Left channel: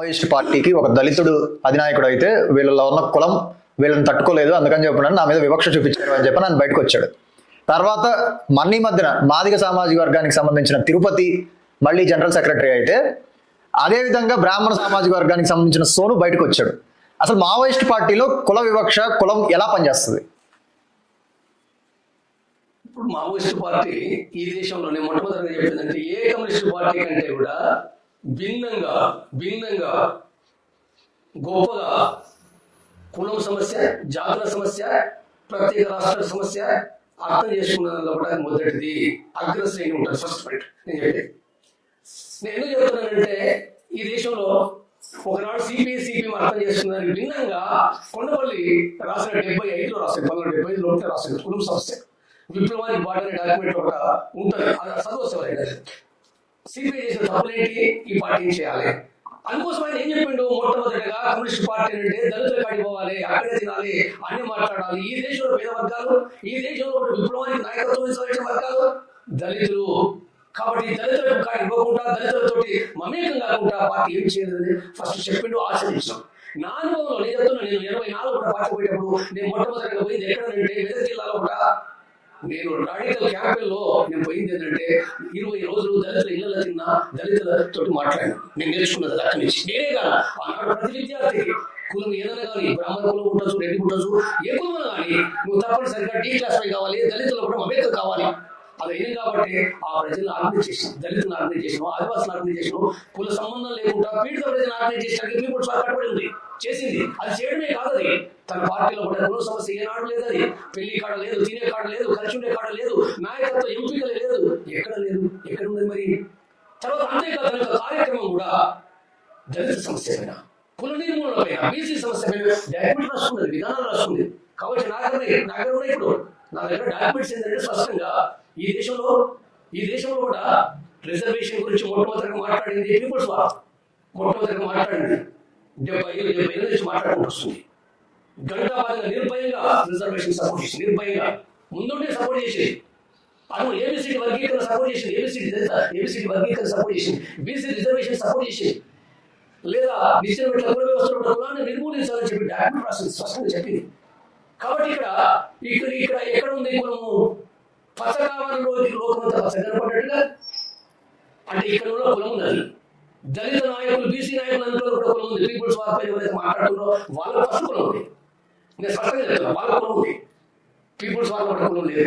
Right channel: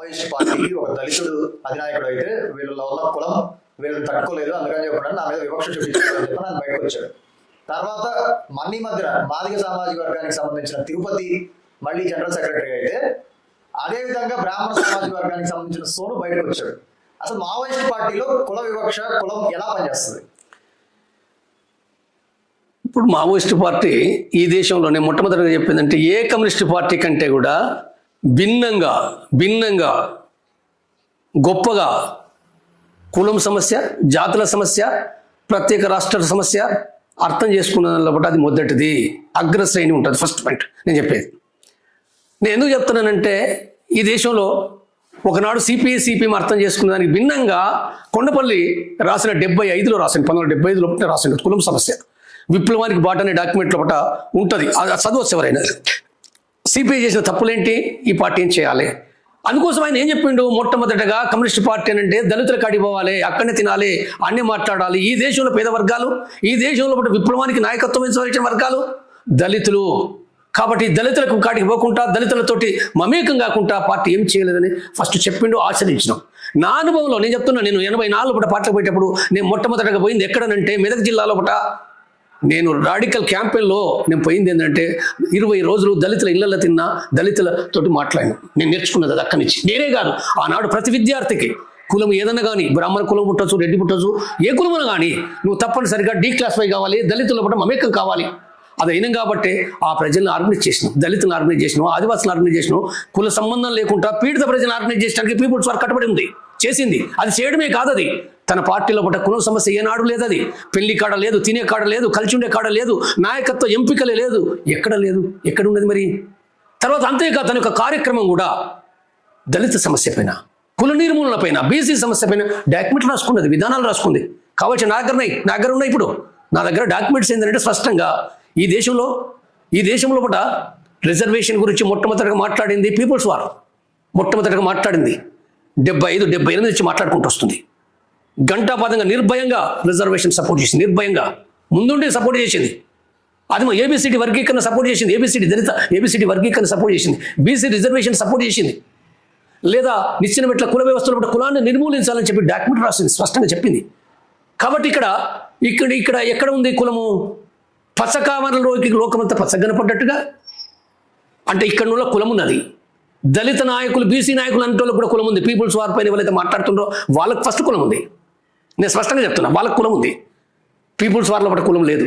Maoist పార్టీకి ఒక దళితుడు అధినాయకుడు అయితే వీళ్ళలో ఉన్న కులం వీళ్ళని తట్టుకోలేదు, అందుకని చెప్పిన నా మీద వివక్ష చూపించారు అని చెప్పి నన్ను బయటకు వచ్చాడు. తర్వాత మన్నీ మధ్యన మాదిగ సామాజిక వర్గానికి సంబంధించిన తిరుపతి మళ్ళీ జనరల్ సెక్రటరీ అయితే, అదేవిధంగా బ్రాహ్మణ సామాజిక వర్గానికి సంబంధించిన సోను బయటకు వచ్చాడు. అసలు మావోయిస్ట్ పార్టీలో కుల వివక్ష, కులం ఎలా పనిచేస్తుంది? ఇప్పుడు మావోయిస్ట్ పార్టీ ఈ దేశంలోనే మొట్టమొదటిగా చెప్పిందంటే ఏ కమ్యూనిస్ట్ పార్టీ కంటే కూడా భిన్నంగా గొప్పగా కులం సమస్య, జాతుల సమస్య, ప్రత్యేక రాష్ట్రాల సమస్య అర్థం చేసుకున్న అది మొదటిది అగ్రశ్రేణి ఉంటుంది. ఫస్ట్ పాయింట్ నేను చెప్పేది. నేను ఎందుకు చెప్తున్నానంటే ఈ దేశంలో ఒకనాడు సిపిఎం అర్థం చేసుకున్న దానికి భిన్నంగా కొండపల్లి రాసిన 1975లో రాసింది, 1975లో రాసిన కులం సమస్య విప్లవానికి బాట అనే డాక్యుమెంట్ లోపల ఉంటుంది. అది చదవచ్చు ఎవరైనా. సిపిఐ చేసిన తప్పులేంటి, ఈ పార్టీ ఏం చేయాలి, అందుకోసం ఆయన ఏం చెప్పిండు, మొట్టమొదటిగా కమ్యూనిస్ట్ పార్టీ అంటే దళితుల కాడికి పోవాలి, అక్కడనే తినాలి, అన్నీ మాట్లాడాలి. ఈ దేశంలో పేద వర్గాలు, ఈ దేశంలో విప్లవానికి నాయకత్వం వహించిన వర్గాలు దళితులు. కాబట్టి దళితులకు కాడికి పోకుండా, దళితులతోటి మమేకం కాకుండా పార్టీ ఏం చేయలేదని ఫస్ట్ చెప్పిండు, ఆచరించినాం. నా అనుభవంలో నేను చెప్తున్నా, నేను 84 పార్టీకి పోయేటప్పుడు నేను మొట్టమొదటిగా పోయింది ఎక్కడనంటే మెదక్ జిల్లాలో నేను రాడికల్ క్యాంపెయిన్లో నేను పోయింది ఏంటంటే 20 రోజులు దళితుల ఇళ్లలో తిన్నా, దళితులతోటి మాట్లాడినా. నేను నేర్చుకున్నది అది అక్కడి నుంచి. నేనే కాదు, ఆనాడు ప్రతి విద్యార్థికి కులం ఏదన్నా కానీ, బ్రాహ్మణ కులం పుట్టచ్చు, రెడ్డి పుట్టచ్చు, ఏ కులమన కానీ నువ్వు తప్పనిసరిగా D-క్లాసిఫై కావాలి, దళితుల పట్ల మమేకం కావాలి. అది అయినాం కాబట్టి ఆ ప్రజలను ఆర్గనైజ్ చేసినాం, దళితులను ఆర్గనైజ్ చేసినాం, ఆదివాసులను ఆర్గనైజ్ చేసినాం. కుల సంబంధం లేకుండా పీడిత ప్రజలను ఆర్గనైజ్ చేయడానికి పీపుల్స్ వారు కట్టుబడి ఉంది, చేసింది. అది చేయడమే కాదు, అది తన పార్టీలో పట్ల కులం సమస్య ఏనాడు లేదు. అది పెళ్లి కాడ లేదు, తినే కాడ లేదు, కలిసి ఉండే కాడ లేదు, నాయకత్వ ఎంపికలే లేదు, ఎక్కడ లేదు, ఎక్కడ ఉన్నది మరి. తర్వాత అంతేకాదు తన యొక్క కార్యక్రమం కూడా దళిత సమస్య పైన, కుల నిర్మూలన పైన, బీసీ సమస్య పైన డాక్యుమెంట్ రాసుకున్నది, విధానాలు రాసుకుంది. కాబట్టి నా దగ్గర ఉన్నాయి. ఇప్పుడు నా దగ్గర డాక్యుమెంట్స్ ఏంటంటే స్పష్టంగా ఈ దేశంలో పట రిజర్వేషన్ గురించి మొట్టమొదటిగా మాట్లాడింది పీపుల్స్ వార్. మొట్టమొదటిగా మాట్లాడింది 75-78 నుంచి మాట్లాడుకుంటూ వస్తుంది. గంటాపాతంగా నిర్భయంగా రిజర్వేషన్ సపోర్ట్ చేసింది, నిర్భయంగా ముందుండి సపోర్ట్ చేసింది. అది ఏబిసిడి వర్గీకరణ సపోర్ట్ చేసింది, ఏబిసిడి వర్గీకరణ సపోర్ట్ చేసింది, బీసీ రిజర్వేషన్ సపోర్ట్ చేసింది. లేదా నిచ్చెన మెట్ల కుల వ్యవస్థలో కులాన్ని నిర్మూలించాలని చెప్పి డాక్యుమెంట్ రాసింది, స్పష్టంగా చెప్పింది. కాబట్టి ఇక్కడ ఎక్కడ ఉంది కులము? పచ్చకామరలోకి లోకమంతా పచ్చగనపడ్డట్టుగా అంటే ఇక్కడ కులం ఉన్నది. దళిత నాయకులు, బీసీ నాయకులు అంటే కూడా కులం ఉంది. పీపుల్స్ వార్ పైన ఎవరైతే మాట్లాడుతుండ్రో వాళ్ళకి ఫస్ట్ కులం ఉంది. నేను స్పష్టంగా చెప్తున్నా, వాళ్ళకి కులం ఉంది. పీపుల్స్ వార్లో కులం లేదు.